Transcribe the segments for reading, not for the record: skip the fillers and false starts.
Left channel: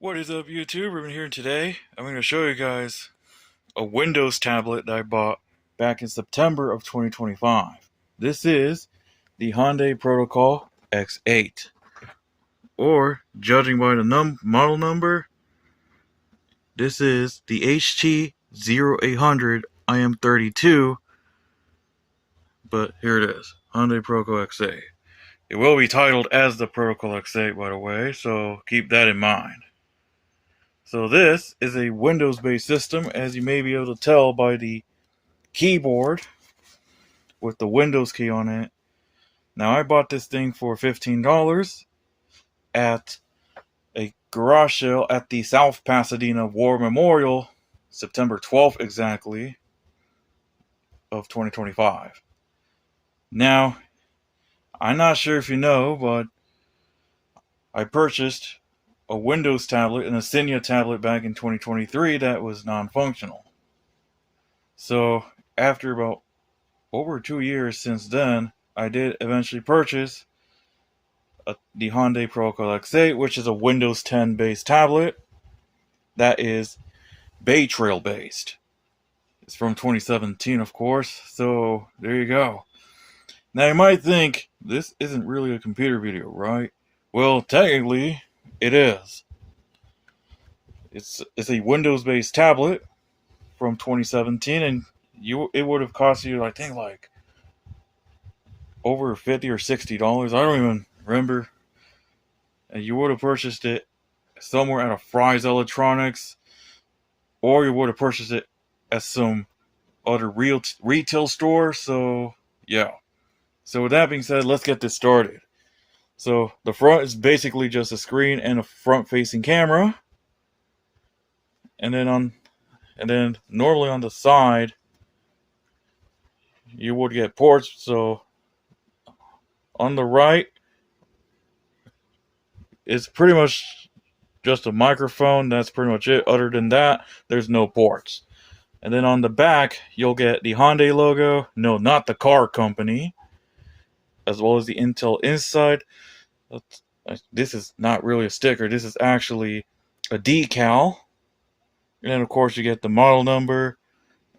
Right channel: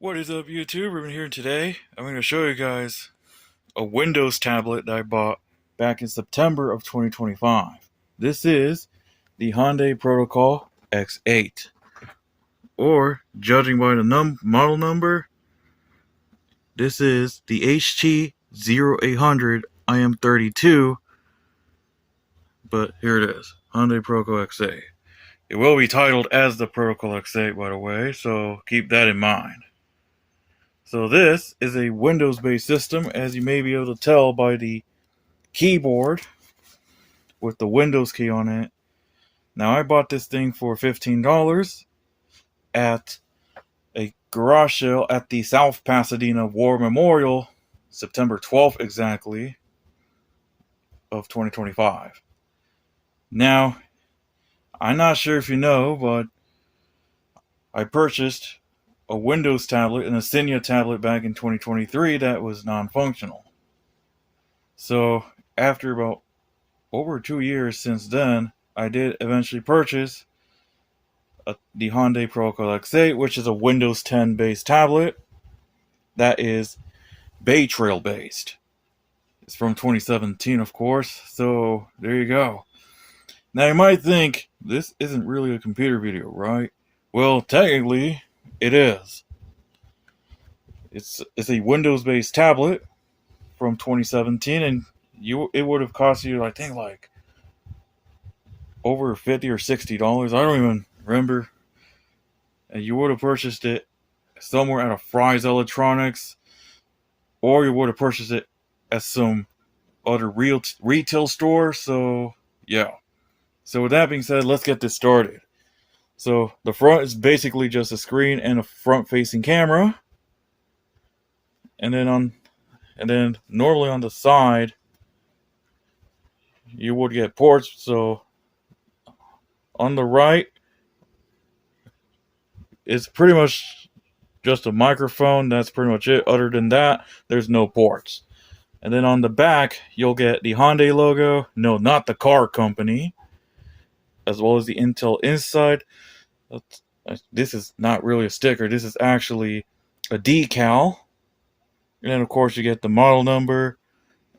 What is up, YouTube? Ruben here, and today I'm going to show you guys a Windows tablet that I bought back in September of 2025. This is the Hyundai Protocol X8, or judging by the model number, this is the HT0800 IM32, but here it is, Hyundai Protocol X8. It will be titled as the Protocol X8, by the way, so keep that in mind. So this is a Windows-based system, as you may be able to tell by the keyboard with the Windows key on it. Now, I bought this thing for $15 at a garage sale at the South Pasadena War Memorial, September 12th exactly, of 2025. Now, I'm not sure if you know, but I purchased a Windows tablet and a Cydia tablet back in 2023 that was non-functional. So after about over 2 years since then, I did eventually purchase the Hyundai Protocol X8, which is a Windows 10 based tablet that is Bay Trail based. It's from 2017, of course, so there you go. Now you might think this isn't really a computer video, right? Well, technically it is. It's a Windows-based tablet from 2017, and it would have cost you, I think, like over $50 or $60. I don't even remember. And you would have purchased it somewhere at a Fry's Electronics, or you would have purchased it at some other retail store. So yeah. So with that being said, let's get this started. So the front is basically just a screen and a front-facing camera, and then normally on the side you would get ports. So on the right it's pretty much just a microphone. That's pretty much it. Other than that, there's no ports. And then on the back you'll get the Hyundai logo, no, not the car company, as well as the Intel inside. This is not really a sticker, this is actually a decal. And of course you get the model number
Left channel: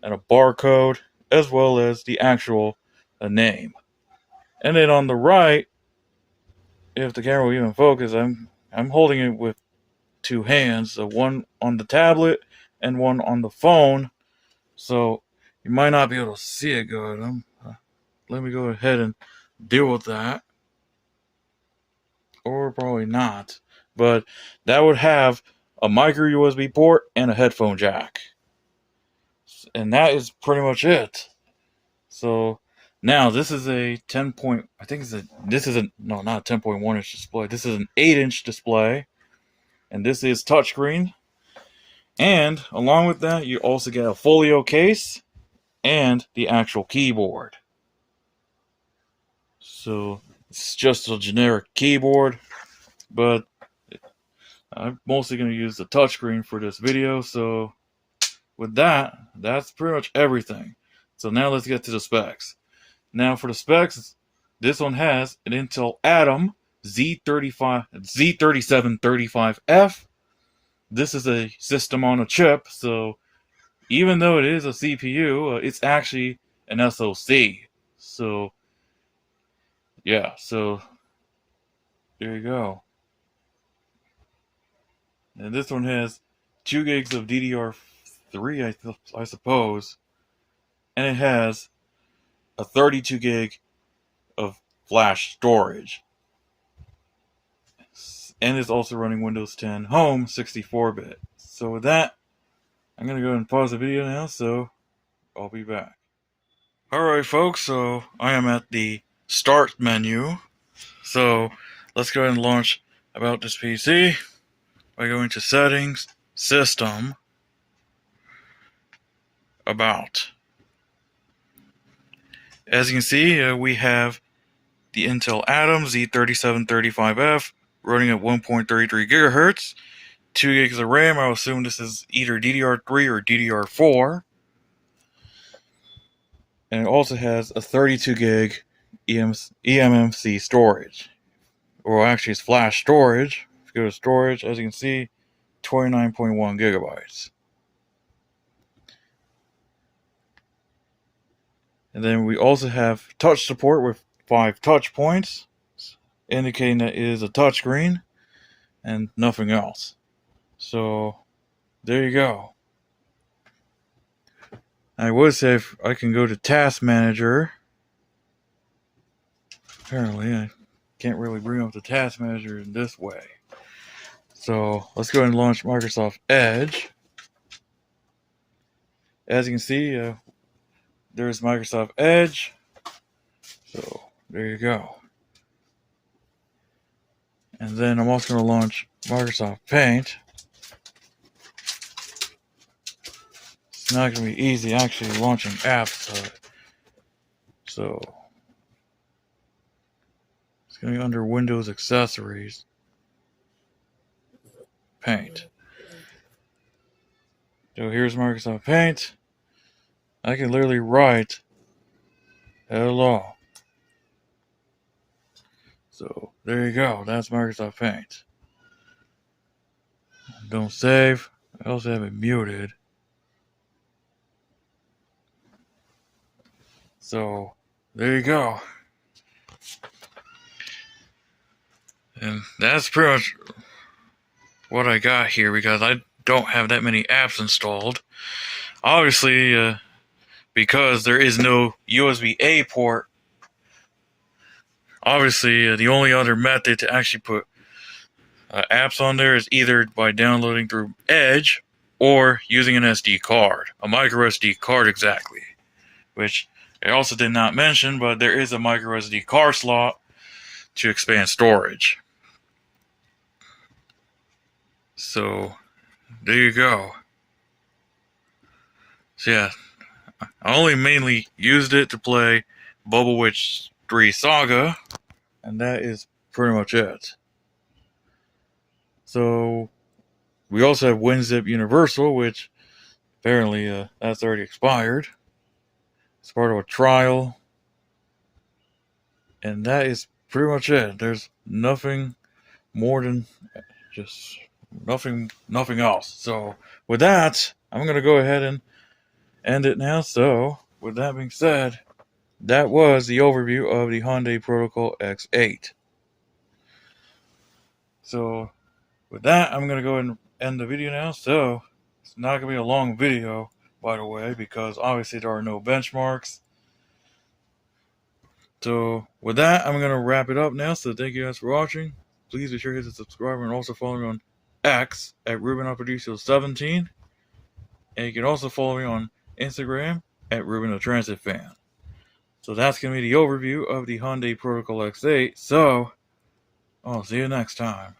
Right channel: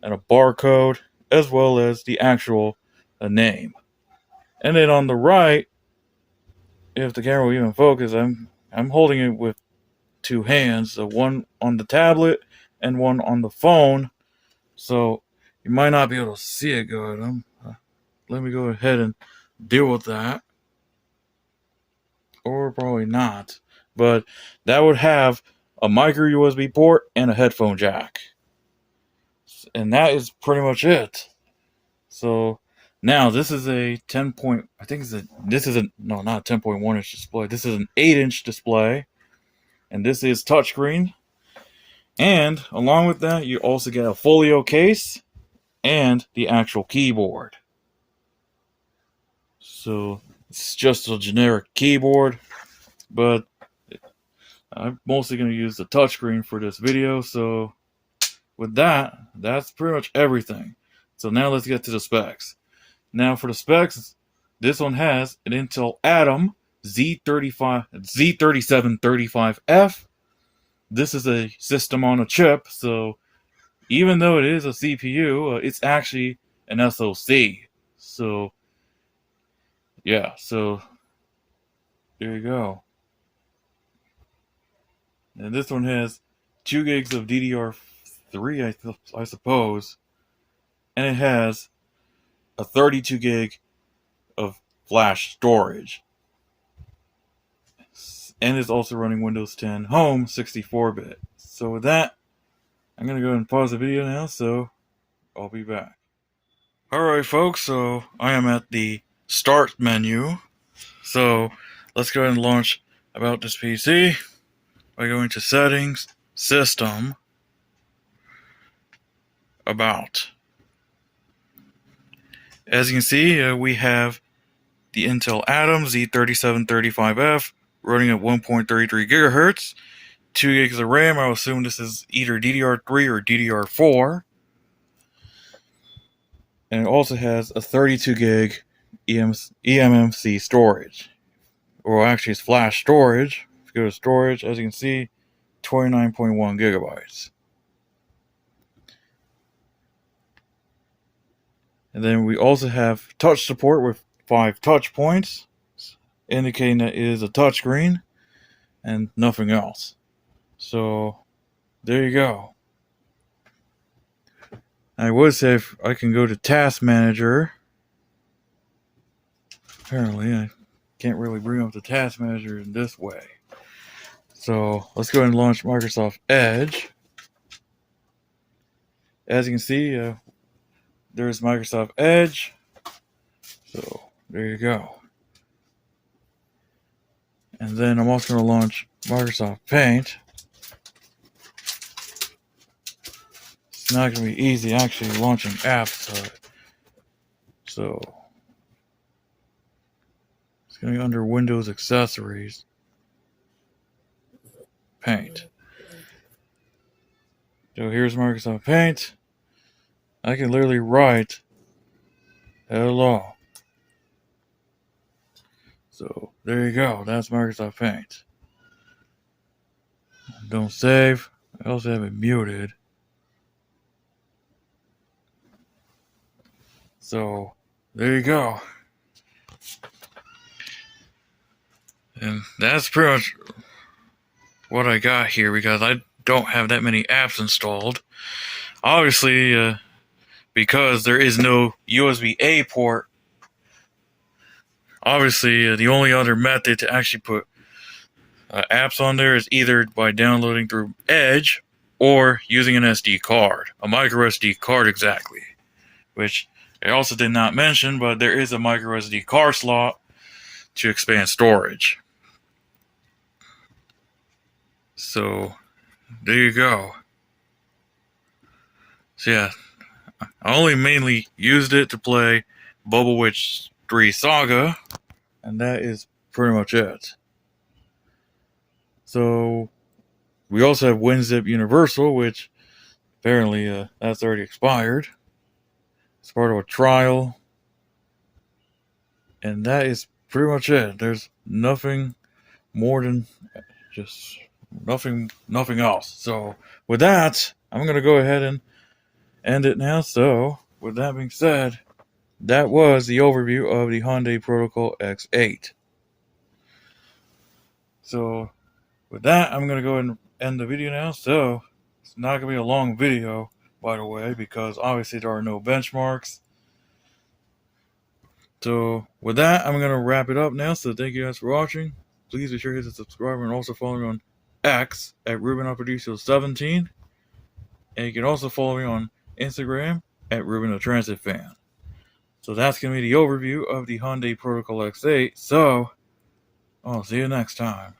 and a barcode, as well as the actual name. And then on the right, if the camera will even focus, I'm holding it with two hands, so one on the tablet and one on the phone, so you might not be able to see it good. Let me go ahead and deal with that. Or probably not, but that would have a micro USB port and a headphone jack, and that is pretty much it. So now this is a 10 point, I think this is a no, not a 10.1 inch display. This is an 8-inch display, and this is touchscreen. And along with that, you also get a folio case and the actual keyboard. So it's just a generic keyboard, but I'm mostly going to use the touchscreen for this video. So with that, that's pretty much everything. So now let's get to the specs. Now for the specs, this one has an Intel Atom Z3735F. This is a system on a chip, so even though it is a CPU, it's actually an SoC. So yeah, so there you go. And this one has 2 gigs of DDR3, I suppose, and it has a 32 gig of flash storage. And it's also running Windows 10 Home 64-bit. So with that, I'm going to go ahead and pause the video now, so I'll be back. Alright folks, so I am at the Start menu. So let's go ahead and launch About This PC by going to Settings, System, About. As you can see, we have the Intel Atom Z3735F running at 1.33 gigahertz, 2 gigs of RAM. I'll assume this is either DDR3 or DDR4. And it also has a 32 gig eMMC storage. Or actually it's flash storage. If you go to storage, as you can see, 29.1 gigabytes. And then we also have touch support with 5 touch points, indicating that it is a touchscreen and nothing else. So there you go. I would say if I can go to Task Manager. Apparently I can't really bring up the Task Manager in this way. So let's go ahead and launch Microsoft Edge. As you can see, there's Microsoft Edge. So there you go. And then I'm also going to launch Microsoft Paint. It's not going to be easy actually launching apps. So it's going to be under Windows Accessories. Paint. So here's Microsoft Paint. I can literally write hello. So there you go. That's Microsoft Paint. Don't save. I also have it muted. So there you go. And that's pretty much what I got here because I don't have that many apps installed. Obviously, because there is no USB-A port, obviously the only other method to actually put apps on there is either by downloading through Edge or using an SD card, a micro SD card exactly, which I also did not mention, but there is a micro SD card slot to expand storage. So there you go. So yeah, I only mainly used it to play Bubble Witch 3 Saga, and that is pretty much it. So we also have WinZip Universal, which apparently that's already expired. It's part of a trial, and that is pretty much it. There's nothing more than just nothing else. So with that, I'm gonna go ahead and end it now. So with that being said, that was the overview of the Hyundai Protocol X8. So with that, I'm gonna go ahead and end the video now. So it's not gonna be a long video, by the way, because obviously there are no benchmarks. So with that, I'm gonna wrap it up now. So thank you guys for watching. Please be sure to hit the subscribe and also follow me on X at RubenAparicio17, and you can also follow me on Instagram at RubenTheTransitFan. So that's going to be the overview of the Hyundai Protocol X8. So I'll see you next time.